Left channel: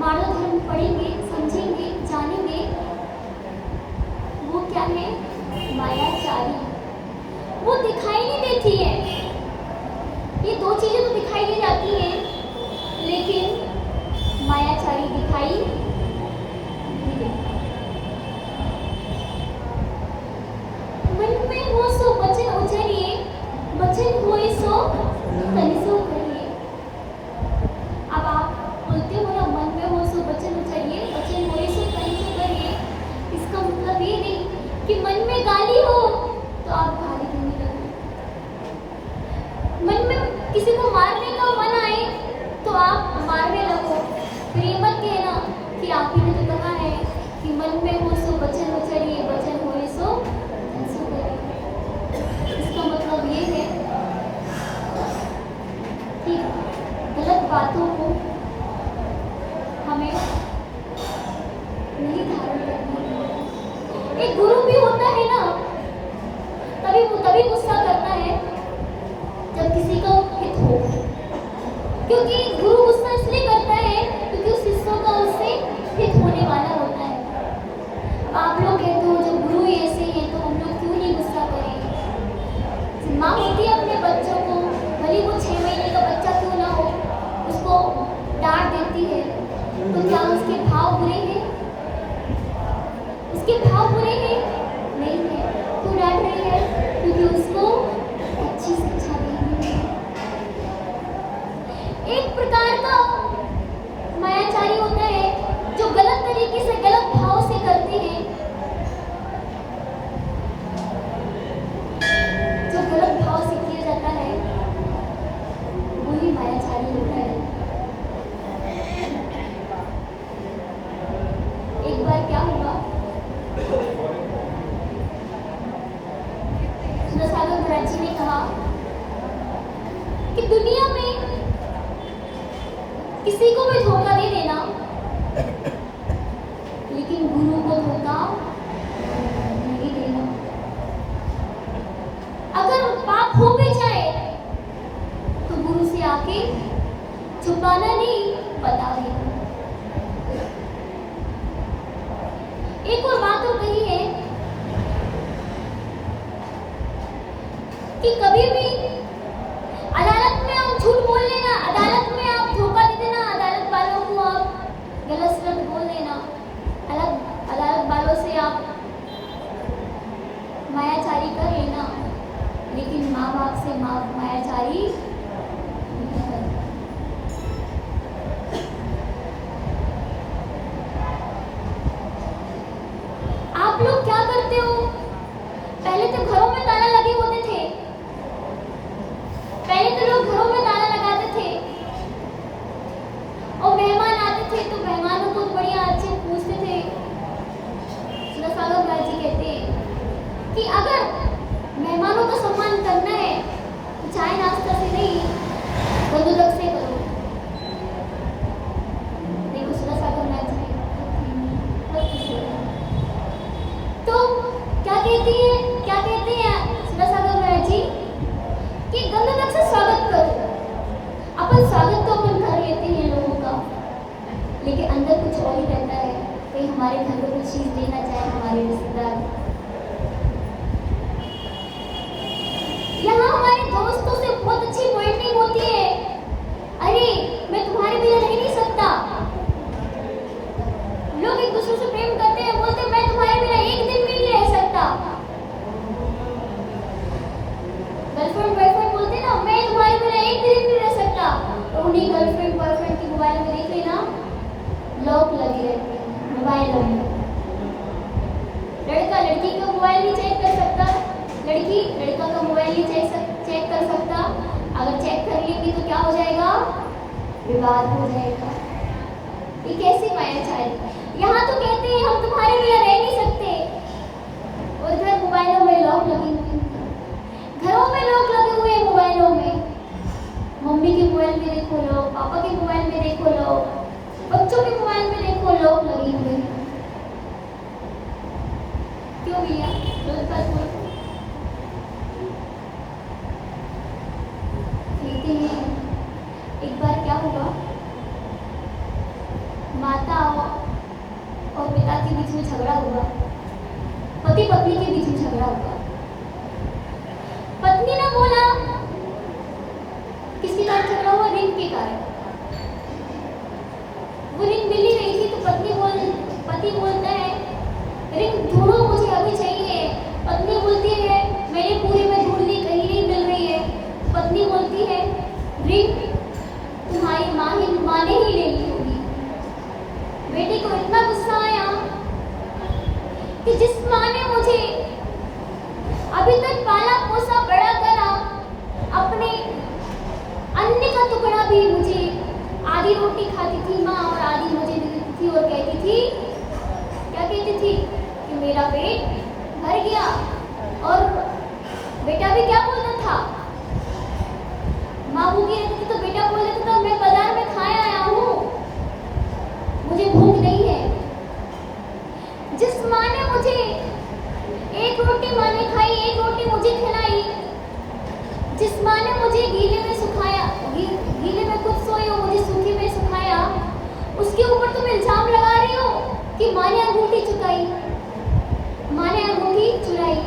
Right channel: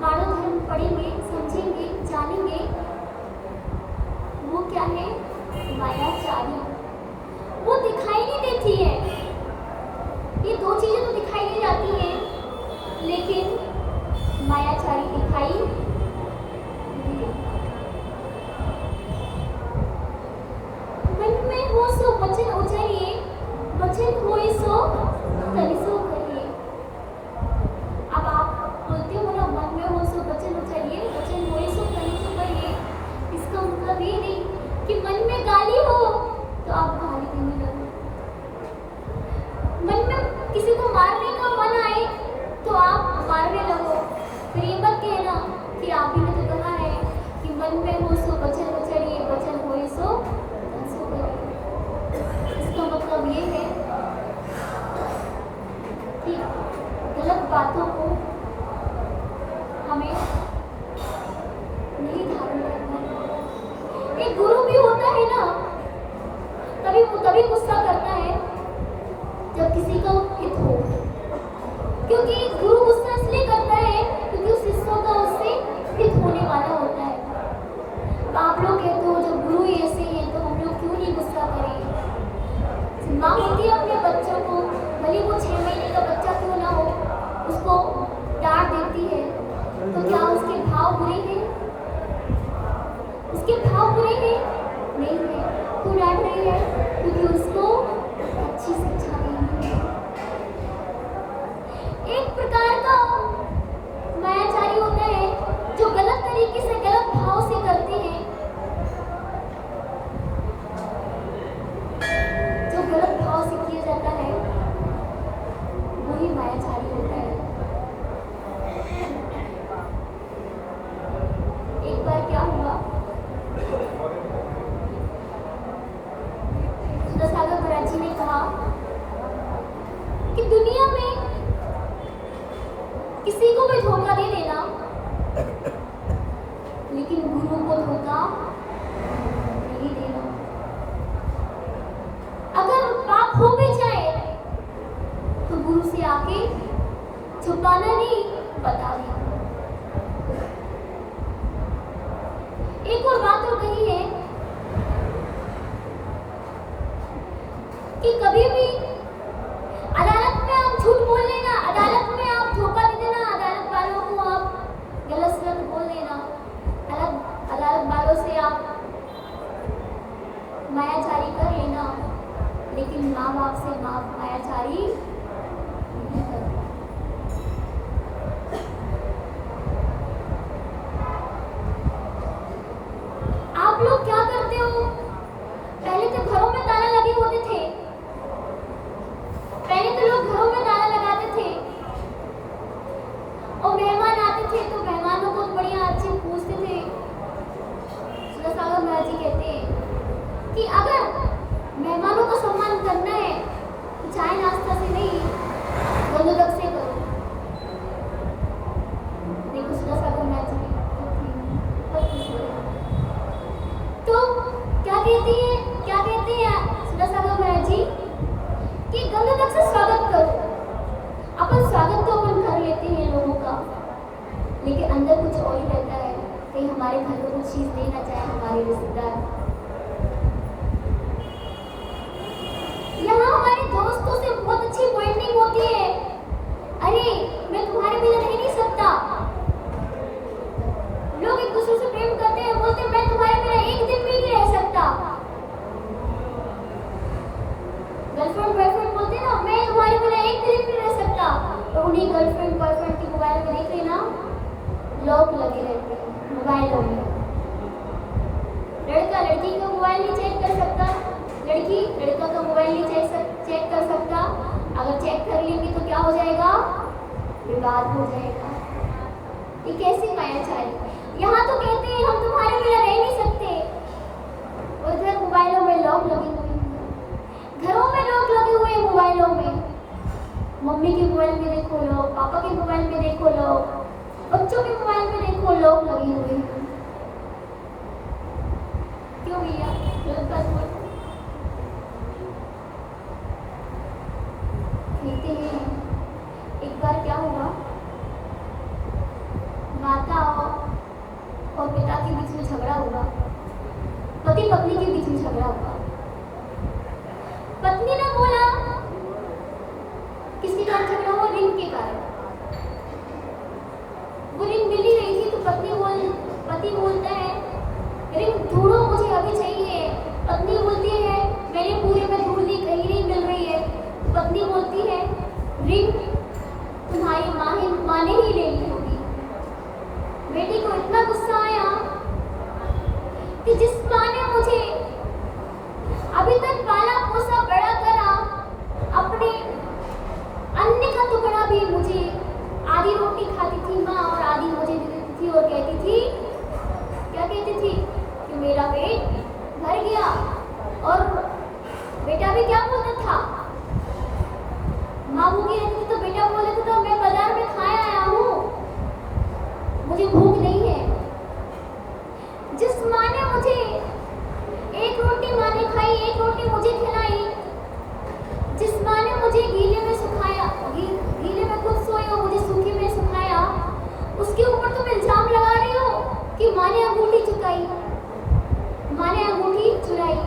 मानव धर्म पढ़ेंगे, समझेंगे, जानेंगे एक गुरु भी होता है ना, तभी गुस्सा करता है जब किसी का हित हो। क्योंकि गुरु गुस्सा इसलिए करता है क्योंकि उस शिष्य का उससे हित होने वाला होता है। तो आप लोग कहते हो जो गुरु ऐसे ही है तो हम लोग क्यों नहीं गुस्सा करें। माँ होती है अपने बच्चों को, भले वो 6 महीने का बच्चा क्यों ना हो, उसको डांट देती है, तो क्या उसके भाव बुरे हैं? उसके भाव बुरे हैं? नहीं है। क्यों डांट रही है? क्योंकि उसको अच्छी शिक्षा देनी है। एक प्रकार का मायाचारी होता है जो गलत तरीके से, गलत भाव से करते हैं, जो गलत भाव से किया जाता है वही मायाचारी होता है। एक बार क्या हुआ, सुधासागर महाराज जी ने कहा कि दुनिया में किसी को भी धोखा दे देना, लेकिन गुरु को धोखा नहीं देना। अगर पाप हो भी जाए तो गुरु से आके छुपाना नहीं, बता देना। एक और बात और कही है कि कभी भी अदालत में आप झूठ बोल लेना, अदालत में आप धोखा दे देना, अदालत वालों को आप गलत सलत बोल देना, अदालत वालों से आप मायाचारी कर लेना, लेकिन माँ बाप से मायाचारी नहीं करना। आप लोग क्या करते हो? पहले तो घरों में ताला लगे होते थे, पहले तो लोग घरों में ताला लगाते थे और मेहमान आते थे तो मेहमानों को बढ़िया अच्छे पूछते थे। सुधासागर महाराज जी कहते हैं कि अगर मेहमानों का सम्मान करना है तो चाय नाश्ता से नहीं, गंदुदक से करो। देखो सुधासागर महाराज जी बहुत खुश हो गए। तो क्या कहते हैं सुधासागर महाराज जी कि गंदुदक से स्वागत करो। अपन स्वागत तो अपन कर लेते हैं लोगों का, लेकिन अंदर कुछ और ही रहता है। कहीं हमारे घर को कुछ चीज लेना चाहे हमारे रिश्तेदार, यहाँ हमारे दोस्तों से बहुत अच्छी बॉन्डिंग होती है। अरे मैं तुम्हारे बिना रह नहीं सकता। लोग एक दूसरे से प्रेम करते हैं, बोलते हैं मैं तुम्हारे बिना एक दिन भी नहीं रह सकता। गर्लफ्रेंड बॉयफ्रेंड बोलते हैं ना, मैं तुम्हारे बिना एक दिन भी नहीं रह सकता। तो उन्हीं गर्लफ्रेंड बॉयफ्रेंड की मोबाइल में देख लेना, लॉक लगे रहते हैं मोबाइलों में। लड़का लड़की का मोबाइल नहीं चेक कर सकता, लड़की लड़का का मोबाइल नहीं चेक कर सकता। अगर चेक कर लेंगे तो क्या हो जाएगा? विवाद हो जाएगा। ये कैसी मायाचारी? यहाँ तो कहते हैं हम तुम्हारे बिना रह नहीं सकते, और इधर मोबाइलों में लॉक लगे हुए, घरों में लॉक लगे हुए हैं मोबाइलों में। मम्मी के मोबाइल में देखो लॉक, पापा के मोबाइल में देखो लॉक, बच्चों के मोबाइल में देखो लॉक लगे हुए हैं। क्यों भैया? कहते हैं एक बार क्या हुआ, माता और पिता के बीच में झगड़ा हुआ, पति पत्नी के बीच में झगड़ा हुआ। पत्नी ने बोला, किसके कारण झगड़ा हुआ? रिंग के कारण। वो रिंग मिल ही नहीं थी तो पति बोलता है रिंग ढूंढो, मुझे अभी चाहिए। पत्नी बोलती है मैंने पूरे में ढूंढ ली, कहीं नहीं मिल रही है। पत्नी बोलती है रिंग तुम्हारी माँ ने ही ले ली होगी। बेटी को इतना गुस्सा आया कि जिस माँ ने मुझे अभी तक पाला पोसा बड़ा करा, अपने अन्न का टुकड़ा भी मुझे, आधी रोटी खाती थी माँ और आधी मुझे दे देती थी, और कहती थी, क्या कहती थी कि मेरा पेट भर गया। और बेटा भी क्या बोलता था, माँ भूखी रहती थी तो बेटा बोल देता था मैं बाजार में खाए आया हूँ, मुझे भूख नहीं है। जिस माँ ने मुझे एक रोटी माँ ने खाई, एक रोटी मुझे खिलाई। जिस माँ ने मुझे गीले में सुखाया, गीले में खुद सोई और मुझे सूखे में सुखाया, उसके ऊपर तुम इल्जाम लगा रही हो कि माँ ने अंगूठी चुकाई, माँ ने अंगूठी चुराई।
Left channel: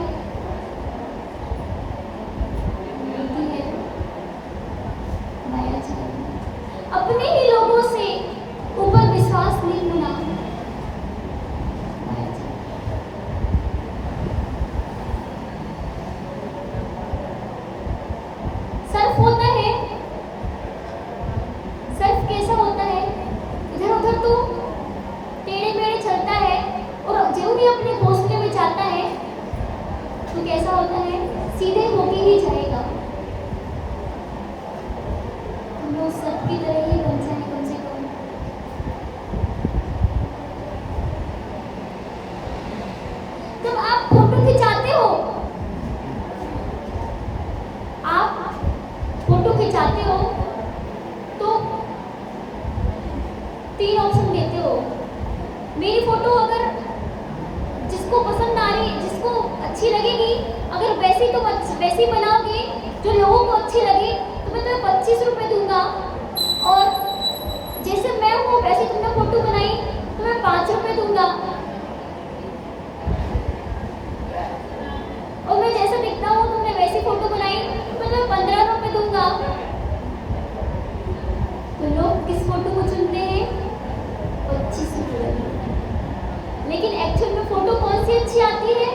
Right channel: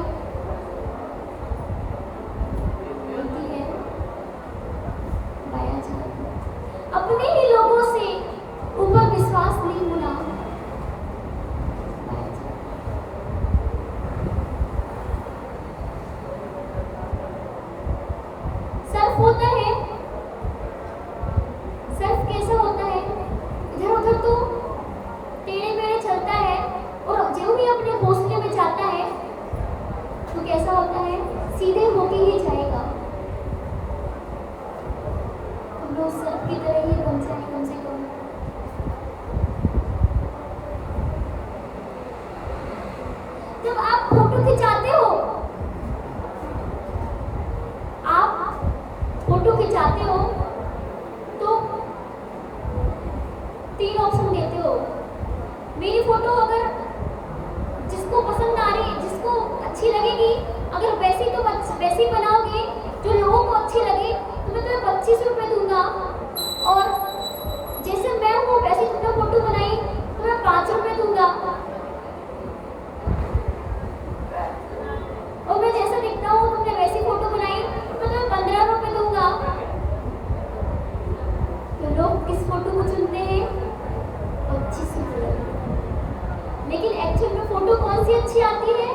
होती है माया जाल। अपने ही लोगों से ऊपर विश्वास नहीं होना। माया जाल। सर्फ होता है, सर्फ कैसा होता है? इधर उधर तो टेढ़े मेढ़े चलता है और जो भी अपने घोंसले में जाता है तो कैसा होता है? सीधे होके ही जाएगा। हम लोग सर्फ की तरह ही बन जाए कम से कम। जब आप फोटो खिंचाते हो, आप फोटो खिंचाते हो तो 3 ऑप्शन देते हो। मेरी फोटो अगर जिसको पसंद आ रही, जिसको अच्छी लगेगी, अगर वैसी तुम वैसी बनाओगे जो लोगों को अच्छी लगे तो मैं तुम्हें 25 रुपए दूंगा। और जैसे मैं हूँ वैसी तुमने फोटो बनाई तो मैं 5 रुपए दूंगा। और मैं जैसा दिखता हूँ तुमने वैसी फोटो बनाई तो मैं तुम्हें 15 रुपए दूंगा। तो लोग किस फोटो को चुनते हैं? 25 रुपए। लेकिन एक्चुअल में फोटो कौन सी अच्छी आती है?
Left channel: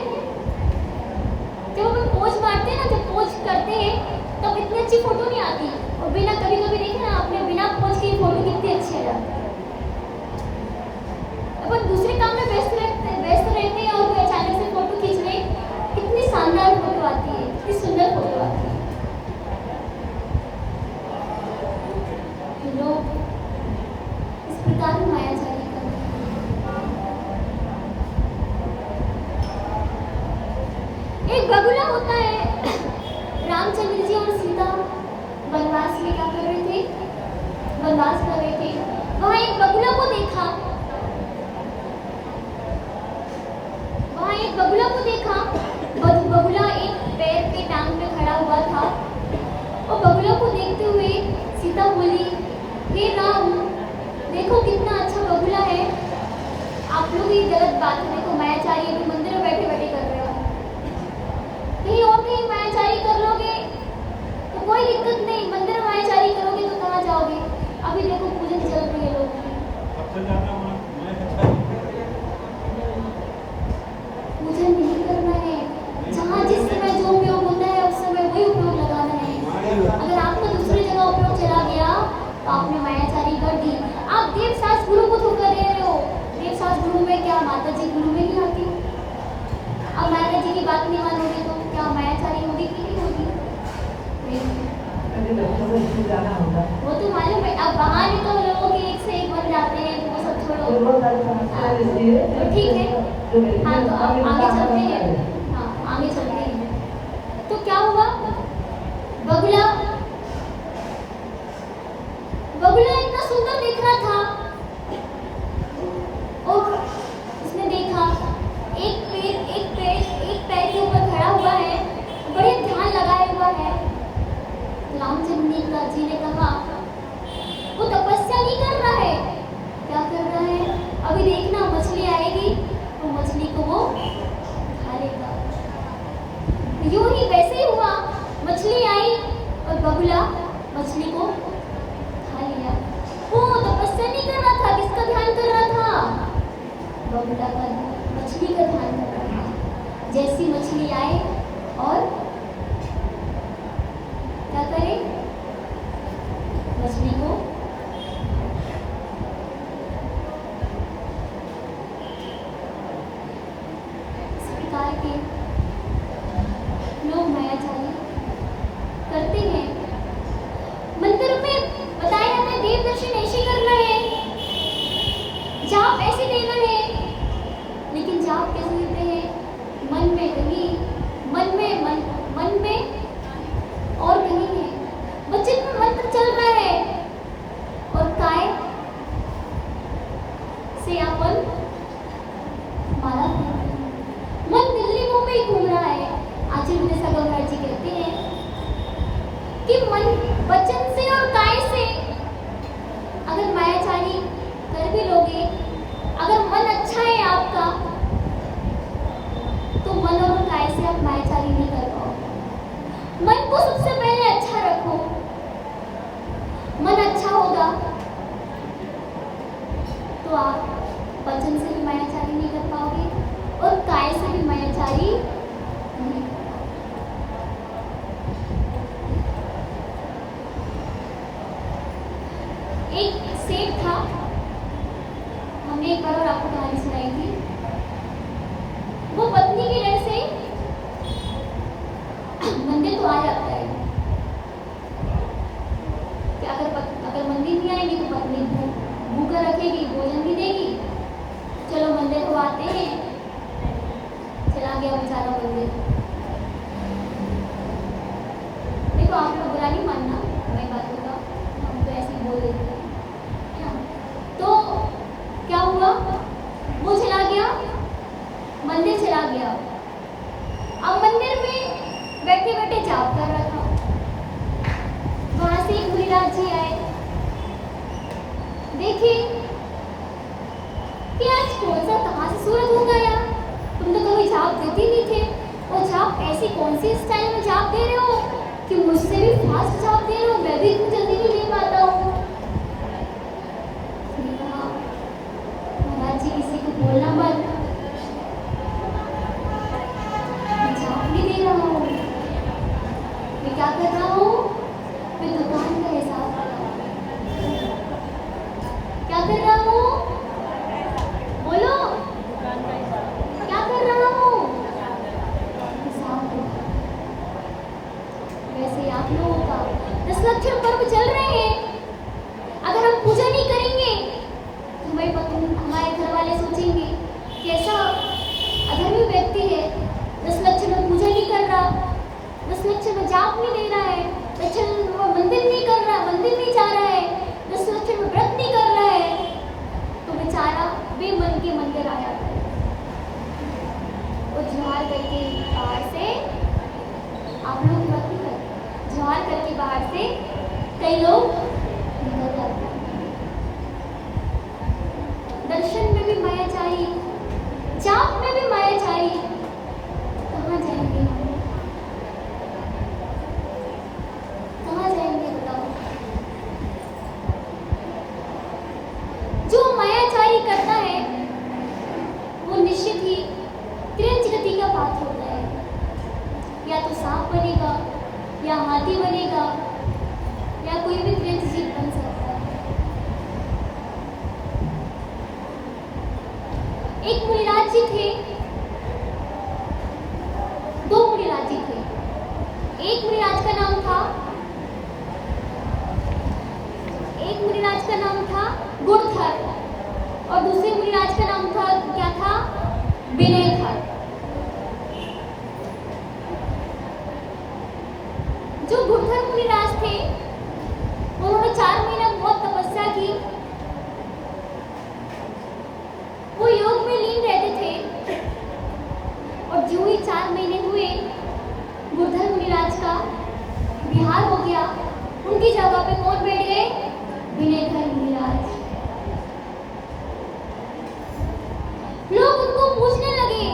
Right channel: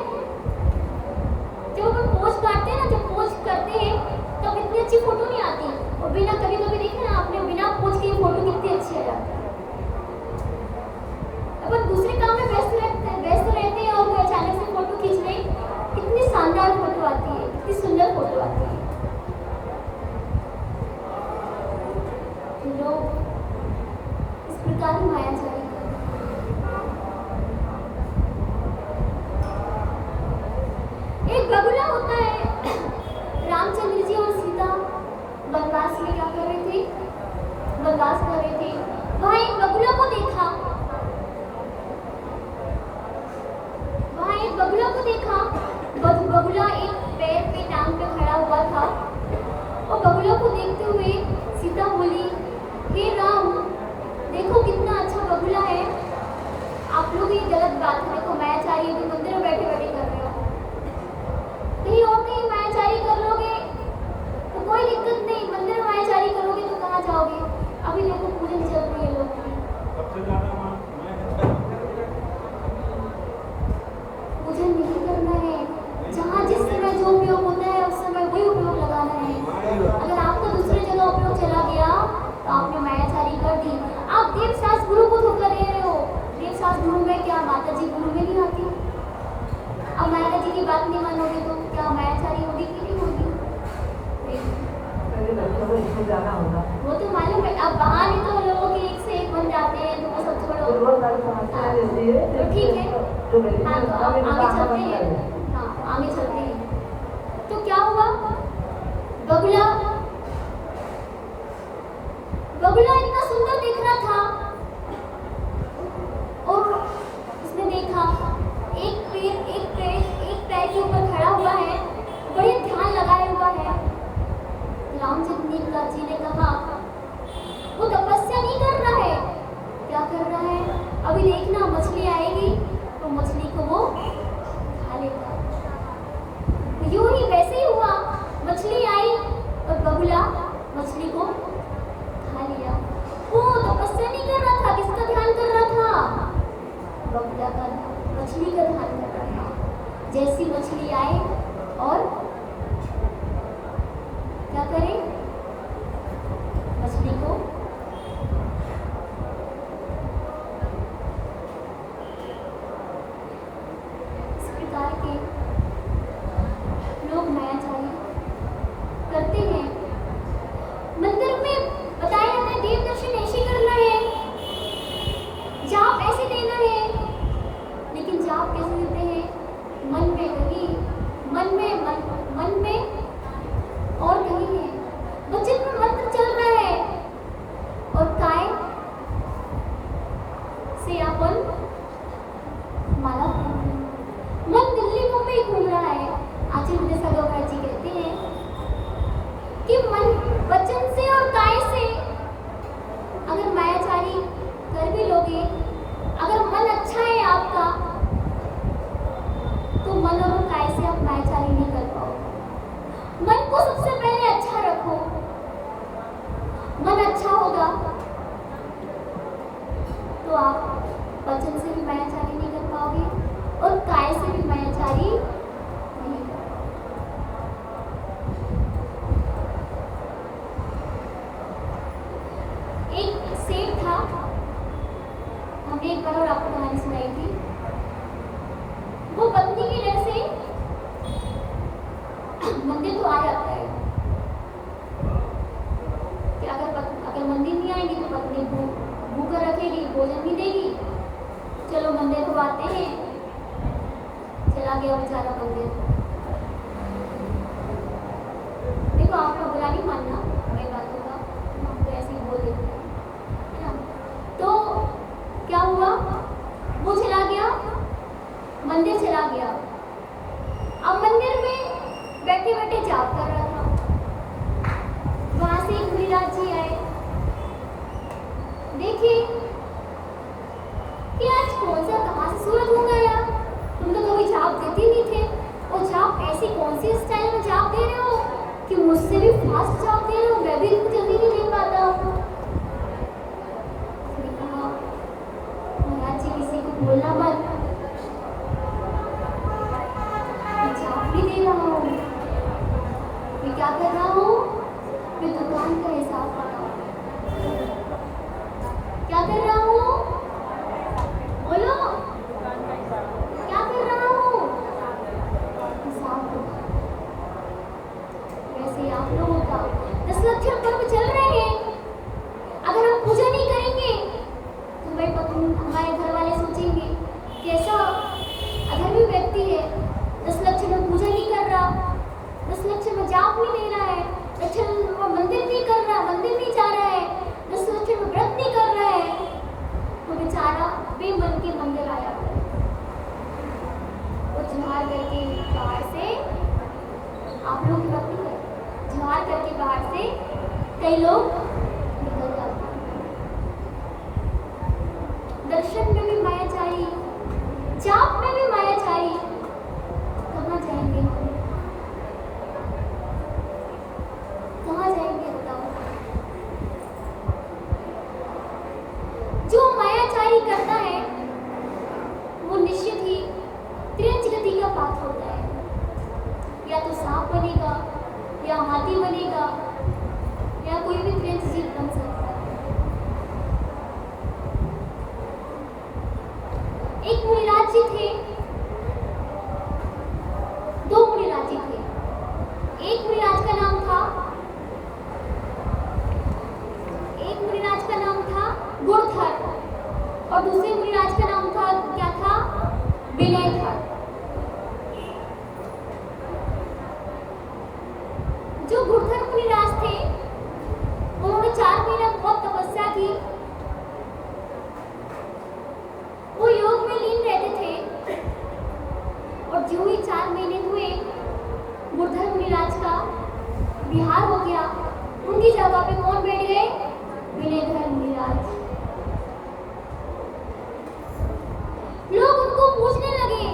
जब अपन पोज मारते हैं ना, जब पोज करते हैं तब इतनी अच्छी फोटो नहीं आती। और बिना, कभी कभी देखे ना आपने, बिना पोज के फोटो कितनी अच्छी आ जाती है। अपन दूसरे काम में व्यस्त रहते हैं और अचानक से फोटो खींच ले, कितनी शानदार फोटो आती है, कितनी सुंदर फोटो आती है। तो लोग इस प्रकार माया जाल करते हैं। एक बगुला होता है। रामचंद्र जी और सीता वनवास में क्या कर रहे थे? वनवास कर रहे थे। वहां एक बगुला को देखा, वहां एक बगुला को देखा। बगुला एक पैर पे टांग पे खड़ा हुआ था। और बगुला को देखते हुए सीता बोली, हे राम, देखो कितना अच्छा बगुला है। आप लोग ये गलत बात है, देखो मायाचारी अभी मंदिर में बैठे बैठे कर रहे हो। कहीं और कहीं मायाचारी कर लोगे तो कोई दिक्कत नहीं, मंदिर में मायाचारी करोगे तो कहाँ जाओगे? अभी देखो पूजन चल रही है लोगों की। पूजन नहीं करना है। जहाँ जिस समय जो उपयोग होता है उस समय वही उपयोग लगाना है। अगर आपका दूसरी जगह उपयोग चला गया तो आपने मायाचारी कर दी। आप देवशास्त्र गुरु को धोखा दे रहे हो। देवशास्त्र गुरु में क्या माता जी गुरु में नहीं आती? अब माता जी की बात नहीं मानोगे तो क्या मायाचारी होगी कि नहीं होगी? वो तो मालूम है। अब बहाने तो लोग एक से एक बन जाते हैं, तो सब छोड़ो। तो ठीक है, हाँ तो अब आगे चलते हैं। हाँ आगे चलते हैं। तो क्या हुआ? बगुला इतना सुंदर दिख रहा था और उसने देखा एक पैर के ऊपर खड़ा हुआ है, बड़े ध्यान लगाए हुआ है। रामचंद्र जी ने कहा, वो तपस्या नहीं कर रहा है। क्या कर रहा है? अभी देखना, मछली आएगी और मछली को वो खा लेगा। यूं ही वैसे ही हुआ। मछली आई और बगुला मछली को खा लिया। वो तपस्या नहीं कर रहा था, किसका ध्यान कर रहा था? बगुला का, मछली का ध्यान कर रहा था। जैसी मछली आए और क्या करे? मछली को इस प्रकार के लोग मायाजाल करते हैं। मंदिर में बताया जाता है देव दर्शन ऐसे करना है, जाप ऐसे देना है। लेकिन जाप कैसे देते हैं? मन में कहीं, मन में मन गया बेचारा मंदिर। देखो आप लोग बुरा नहीं मानना मेरी बातों का, हम तो ऐसे ही बोल देते हैं है ना। तो क्या हुआ, वो चला गया, मंदिर चला गया। अब मंदिर में बैठे बैठे जाप कर रहा था। वहां से एक मुनिराज जी आए, देखे कि आज कौन सा कहाँ से सूरज हो गया, तुम तो कभी जाप देते नहीं थे, और जाप ऐसी कौन सी स्टाइल में जाप दे रहे हो कि मुझसे भी फास्ट जाप दे रहे हो, मैं भी इतनी जल्दी नहीं दे पाता हूँ। महाराज जी किसी को बोलना मत, मैं जाप भी दे रहा हूँ, मैं क्या कर रहा हूँ, मैं दुकान का हिसाब क्या कर रहा हूँ, बोलो क्या कर रहा हूँ, हिसाब। वैसे ही आप लोगों का 10 लक्षण पर्व चल रहे हैं, अगर हम पूजा नहीं करेंगे तो हमारे घर वाले सोचेंगे कैसा अधर्मी व्यक्ति है, 10 लक्षण में पूजा नहीं कर रहा, 10 लक्षण में जाप नहीं दे रहा है, लक्षण में मंदिर नहीं कर रहा, मंदिर नहीं जा रहा है, 10 लक्षण में व्रत नहीं कर रहा है, तो बेचारा बेमन के मंदिर आ जाता है। वो जुहार करके बाहर से, आप लोग की बात नहीं कर, जुहार करके बाहर से कई लोग निकल जाते हैं। दर्शन में भी मायाचारी, जाप में भी मायाचारी, कहाँ जाएंगे हम, कहाँ जाएंगे बताओ। जो मायाचारी करता है वो निश्चित ही त्रिंच गति का पात्र होता है, या तो सांप बनेगा, या हाथी बनेगा, या कोई भी त्रिंच जीव बन सकता है। एक मुनिराज जी थे, 2 मुनिराज जी थे। एक मुनिराज का नाम था गुणधर, और दूसरे मुनिराज का नाम था क्या था, विनयधर। जो गुणधर मुनिराज थे उन्होंने 4 महीना बहुत तपस्या की, वो योग में लीन रहते थे, और जो ही 4 महीने हुए गुणधर मुनिराज का विहार हो गया, उनकी जगह पे कौन बैठ गए, विनयधर मुनिराज। लोग उनको पूछने लगे,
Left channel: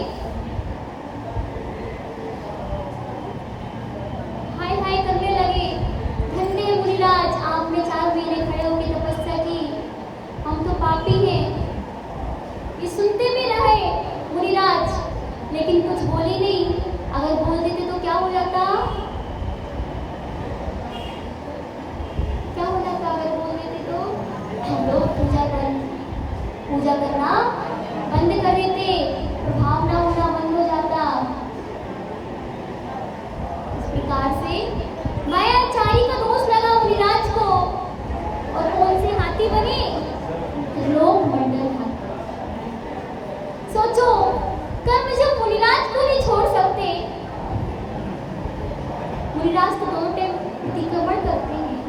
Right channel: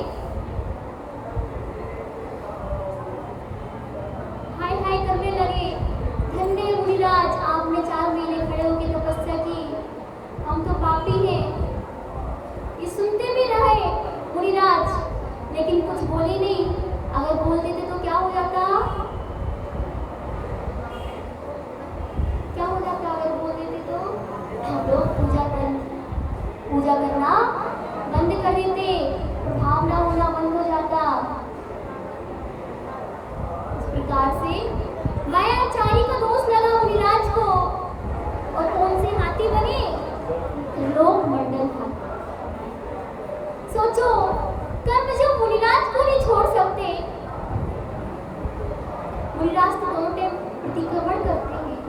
हाय हाय करने लगे, धन्य मुनिराज, आपने 4 महीने खड़े होकर तपस्या की, हम तो पापी हैं। ये सुनते भी रहे मुनिराज, लेकिन कुछ बोले नहीं। अगर बोल देते तो क्या हो जाता, क्या हो जाता अगर बोल देते तो, हम लोग पूजा करना बंद कर देते, भावना होना बंद हो जाता। इस प्रकार से मायाचारी का दोष लगा मुनिराज को, और कौन से हाथी बने, लोक मंडल हाथी। सोचो, कर्म जो मुनिराज को नहीं छोड़ सकते, मुनिराज तो दोनों टाइम प्रतिक्रमण करते हैं,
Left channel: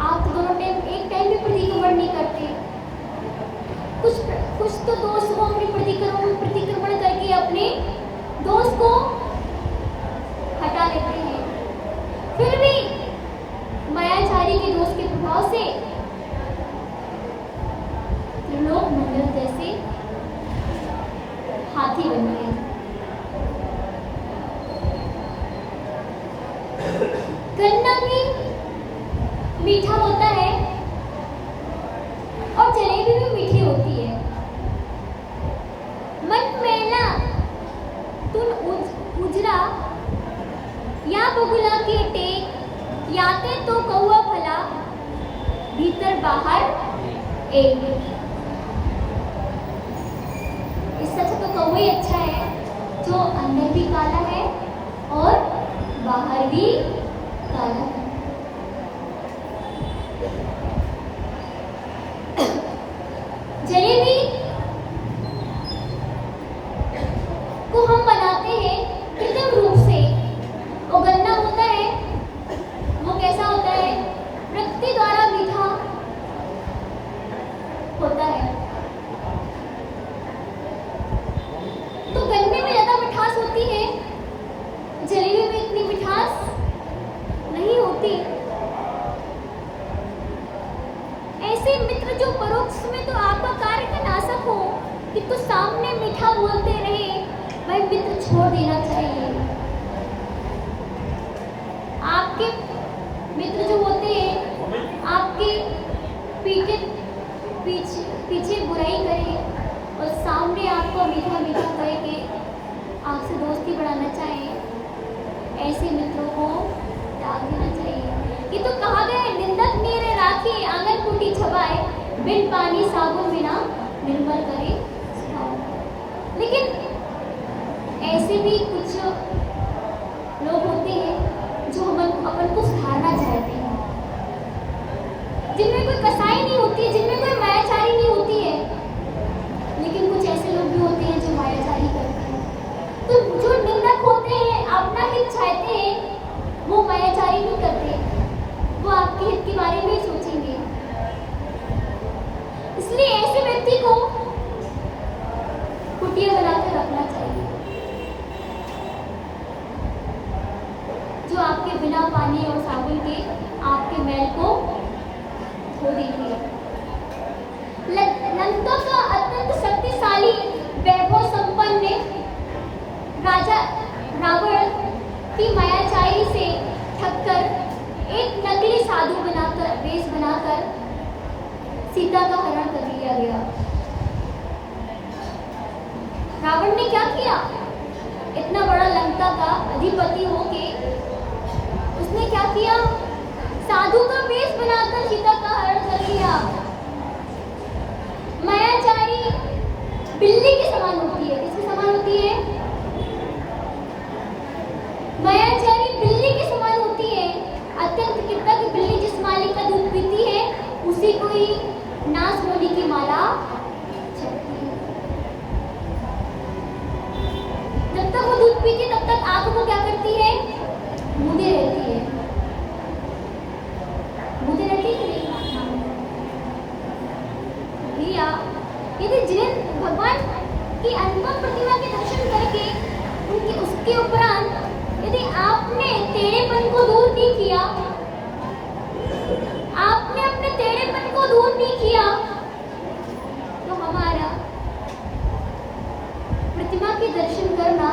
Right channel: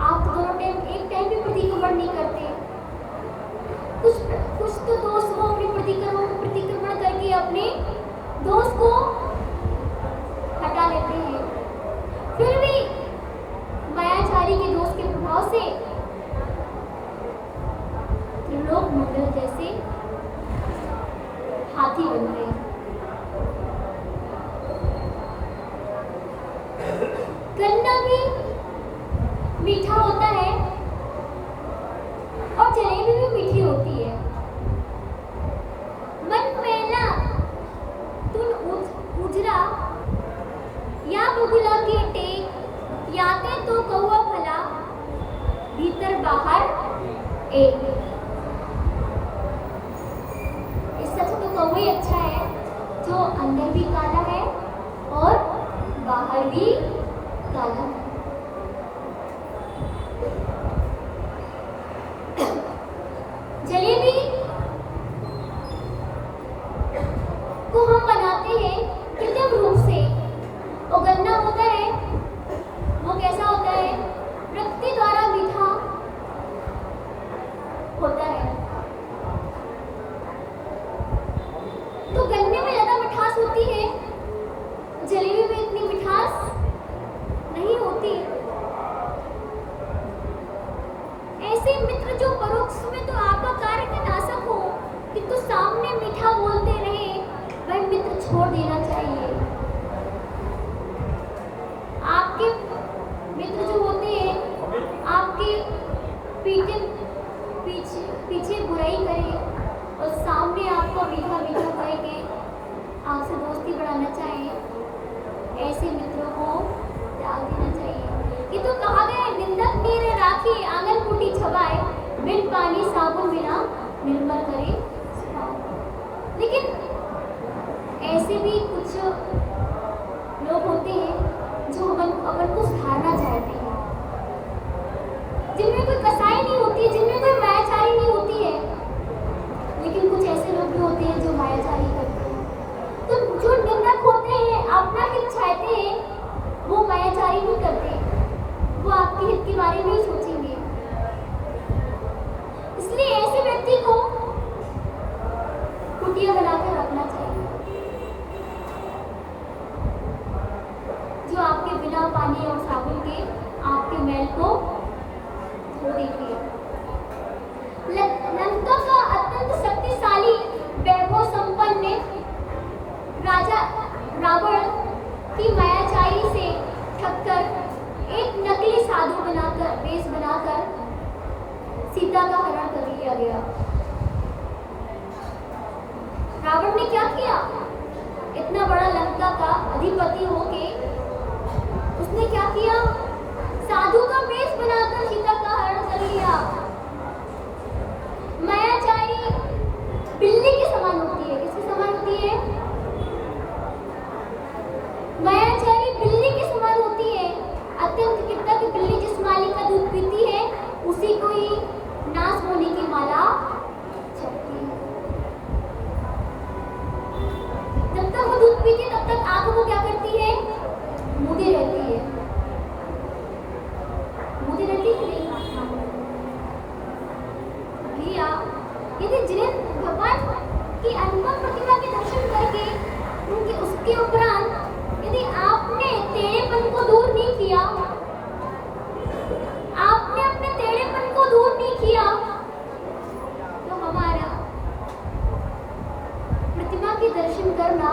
आप तो दोनों टाइम एक टाइम भी प्रतिक्रमण नहीं करते। कुछ तो दोस्त को अपने प्रतिक्रमण करके अपने दोस्त को हटा लेते हैं, फिर भी मायाचारी के दोस्त के प्रभाव से लोग मंडल जैसे हाथी बन गए। गन्ना भी मीठा होता है और जलेबी भी मीठी होती है। मन मैला तुन उजरा, या बगुला के टेक, याते तो कौआ भला, भीतर बाहर एक। इससे अच्छा तो कौआ ही अच्छा है, जो अंदर भी काला है और बाहर भी काला है। जलेबी को हम तो गन्ने में ज़्यादा मिठास होती है, जलेबी में इतनी मिठास नहीं होती। ऐसे मित्र जो परोक्ष में तो आपका कार्य का नाशक हो, किंतु सामने मीठा बोलते रहे, वह मित्र छोड़ देना चाहिए। आपके मित्र जो होते हैं आपके पीछे बुराई करें और सामने आपको मीठा मीठा कह के आपसे दोस्ती बढ़ाना चाहे, ऐसे मित्रों को त्याग देना चाहिए। कि तो कहा गया है, निंदक मेरे राखी आंगन कुटी छबाए, बिन पानी साबुन बिना निर्मल करे स्वभाव। लेकिन ऐसे भी कुछ लोग होते हैं जो अपन को सुधारना चाहते हैं, जिनमें कोई कसाई नहीं होती है, जिनमें कोई मायाचारी नहीं होती है। लेकिन कुछ ऐसे लोग भी होते हैं जो मायाचारी करते हैं। तो जो निंदक होते हैं, अपना हित चाहते हैं, वो मायाचारी नहीं करते, वो आपके हित के बारे में ही सोचेंगे। इसलिए ऐसे व्यक्ति को कुटिया बनाकर रखना चाहिए, जो आपके बिना पानी और साबुन के आपके मैल को धो देंगे। लंका का अत्यंत शक्तिशाली वैभव संपन्न राजा रावण की मायाचारी से ठगकर एक नकली साधु बनाकर वेश बनाकर सीता का हरण कर लिया गया। रावण ने क्या किया? इतना बड़ा लंका का अधिपति होके उसने क्या किया? साधु का वेश बनाकर सीता का हरण कर लिया। मायाचारी बिल्ली के समान होती है। किसके समान होती है? मायाचारी बिल्ली के समान होती है। अत्यंत कृतज्ञ की बिल्ली जिस मालिक का दूध पीती है, उसी को ही नाश होने की माला चढ़ती है। जब तक वो दूध पीती तब तक आंखों को क्या करती है? मूंदी रहती है। मूंदी रहती है कि नहीं? यदि जिन्हें भगवान की अनुपम प्रतिमा के दर्शन करके उनके उसके उपरांत यदि आपने टेढ़ेपन को दूर नहीं किया, आपने अपने टेढ़ेपन को दूर नहीं किया, तो हमारा प्रतिमा के दर्शन करना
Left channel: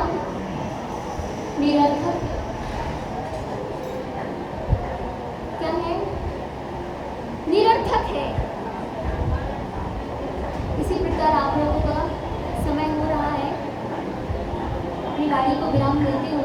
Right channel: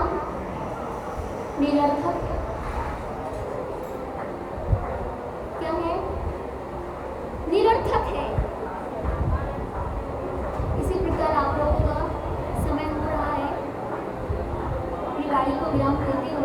निरर्थक क्या है? निरर्थक है। इसी प्रकार आप लोगों का समय हो रहा है, अपनी गाड़ी को विराम देते हुए